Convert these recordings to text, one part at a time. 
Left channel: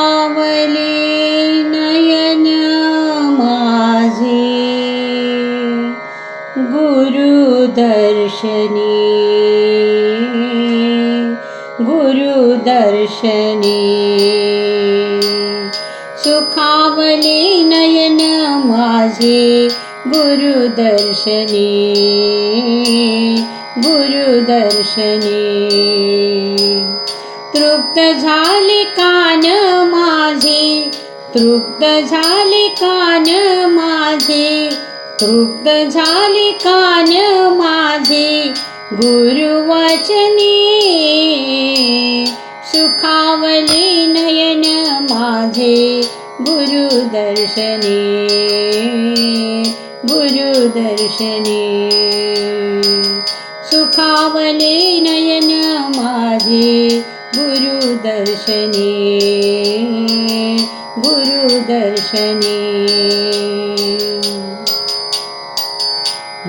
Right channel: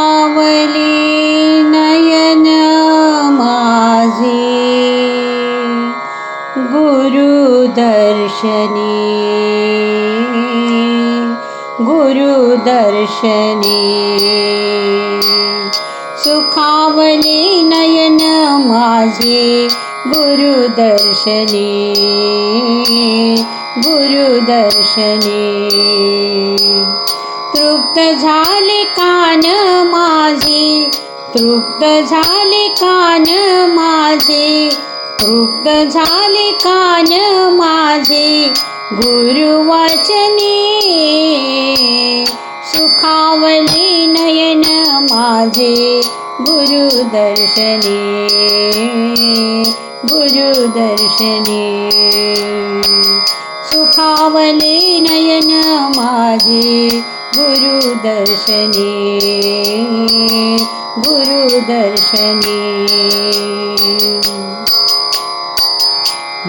सुखावली नयन माझे गुरुदर्शनी सुखावली नयन माझे गुरुदर्शनी। गुरुदर्शनी। कान माझी तृप्त झाली कान माझे तृप्त झाली कान माझे गुरुवचनी गुरुदर्शनी गुरुदर्शनी सुखावले नयन माझे गुरुदर्शनी गुरुदर्शनी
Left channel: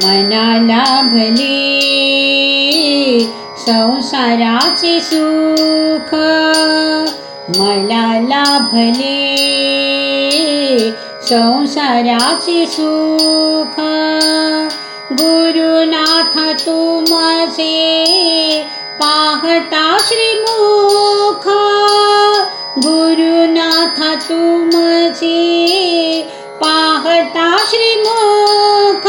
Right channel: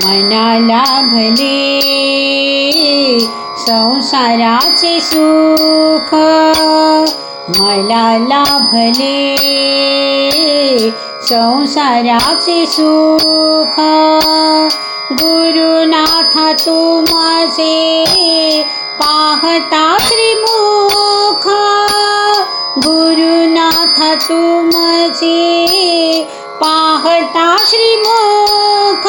मनाला भले संसाराचे सुख मला लाभले संसाराचे सुख गुरुनाथ तू पाहता श्रीमुख। गुरुनाथ तू पाहता श्रीमुख।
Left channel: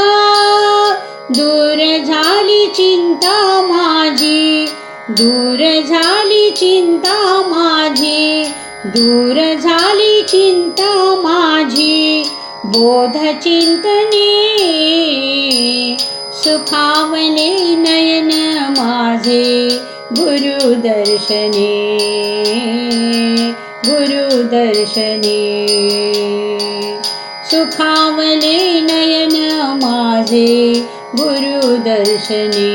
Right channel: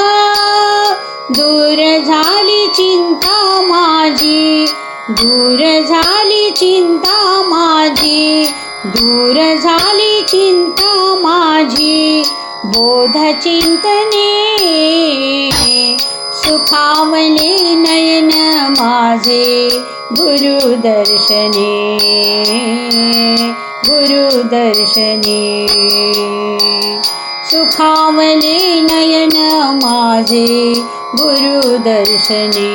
दूर झाली चिंता माझी दूर झाली चिंता माझी दूर झाली चिंता माझी बोध चिंतने सुखावले नयन माझे गुरुदर्शने गुरुदर्शने। सुखावले नयन माझे गुरुदर्शने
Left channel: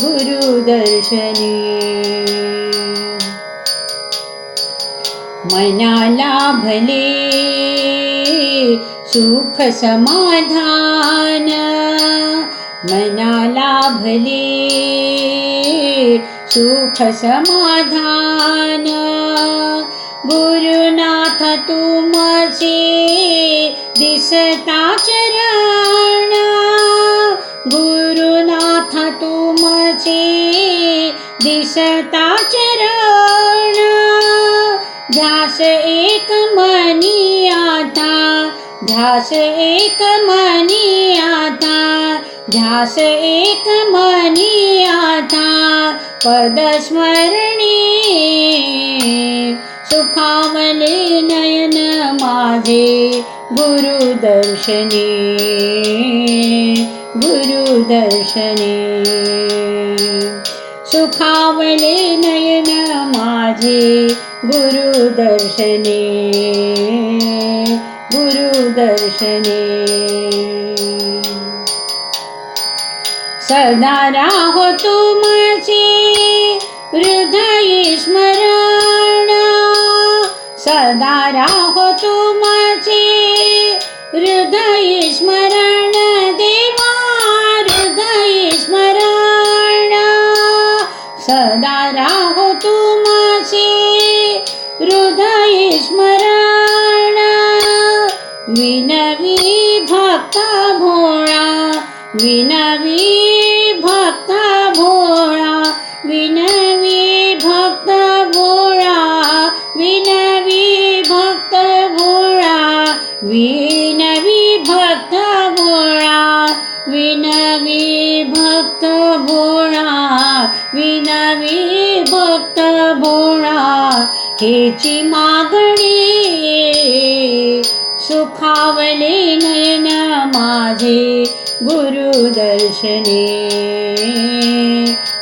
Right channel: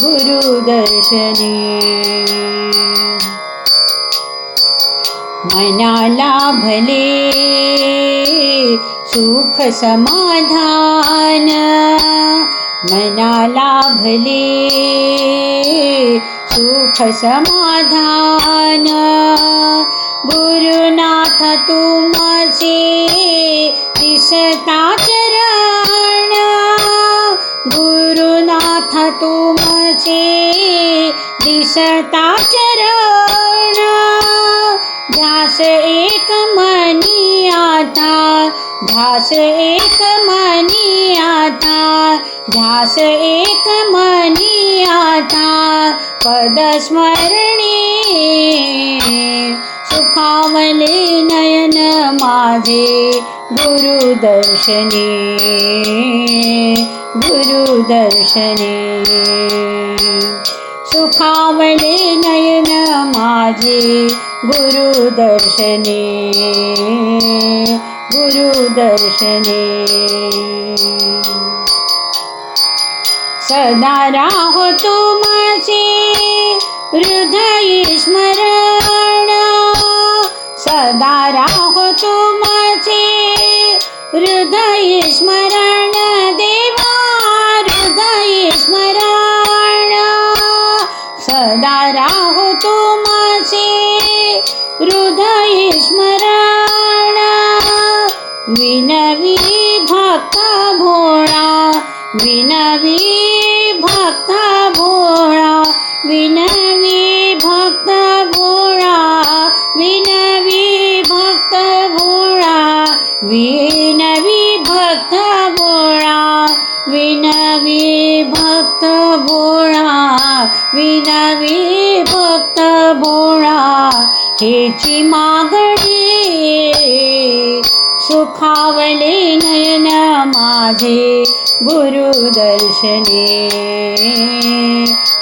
गुरुदर्शने भले सुख समाधान भले सुख समाधान गुरुनाथ तू माझे दिसता चरण। गुरुनाथ माझे दिसता ध्यास एक मनी आता ध्यास एक मनी आता पदस्मरणी। सुखावले नयन माझे गुरुदर्शनी गुरुदर्शनी सुखावले नयन माझे गुरुदर्शनी गुरुदर्शनी विनवी भक्त भोळा विनवी भक्त भोळा विनवी भक्त भोळा विनवी भक्त भोळा विनवी भक्त भोळा विनवी भक्त भोळा हेची मागणी गुरुदर्शने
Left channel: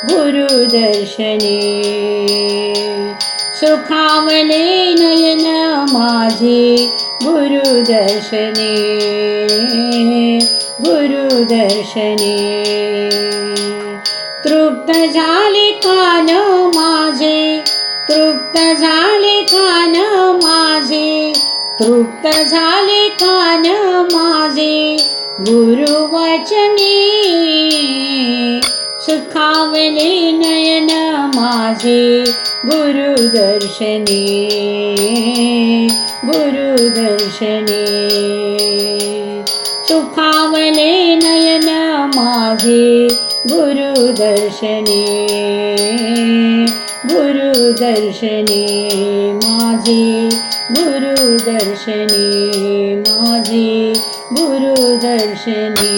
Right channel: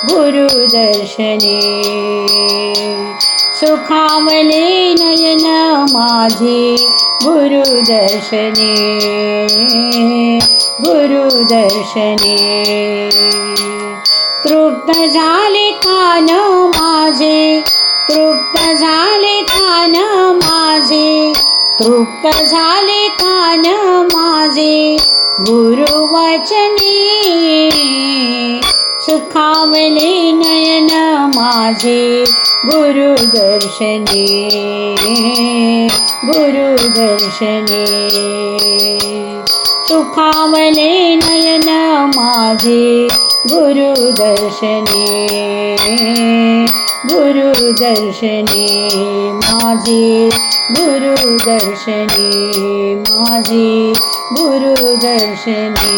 गुरुदर्शने. सुखावले नयन माझे गुरुदर्शने गुरुदर्शने. तृप्त तृप्त झाले कान माझे तृप्त झाले कान माझे तृप्त झाले कान माझे गुरुवचने सुखावले नयन माझे गुरुदर्शने गुरुदर्शने। सुखावले नयन माझे गुरुदर्शने गुरुदर्शने माझे गुरुदर्शने माझे गुरुदर्शने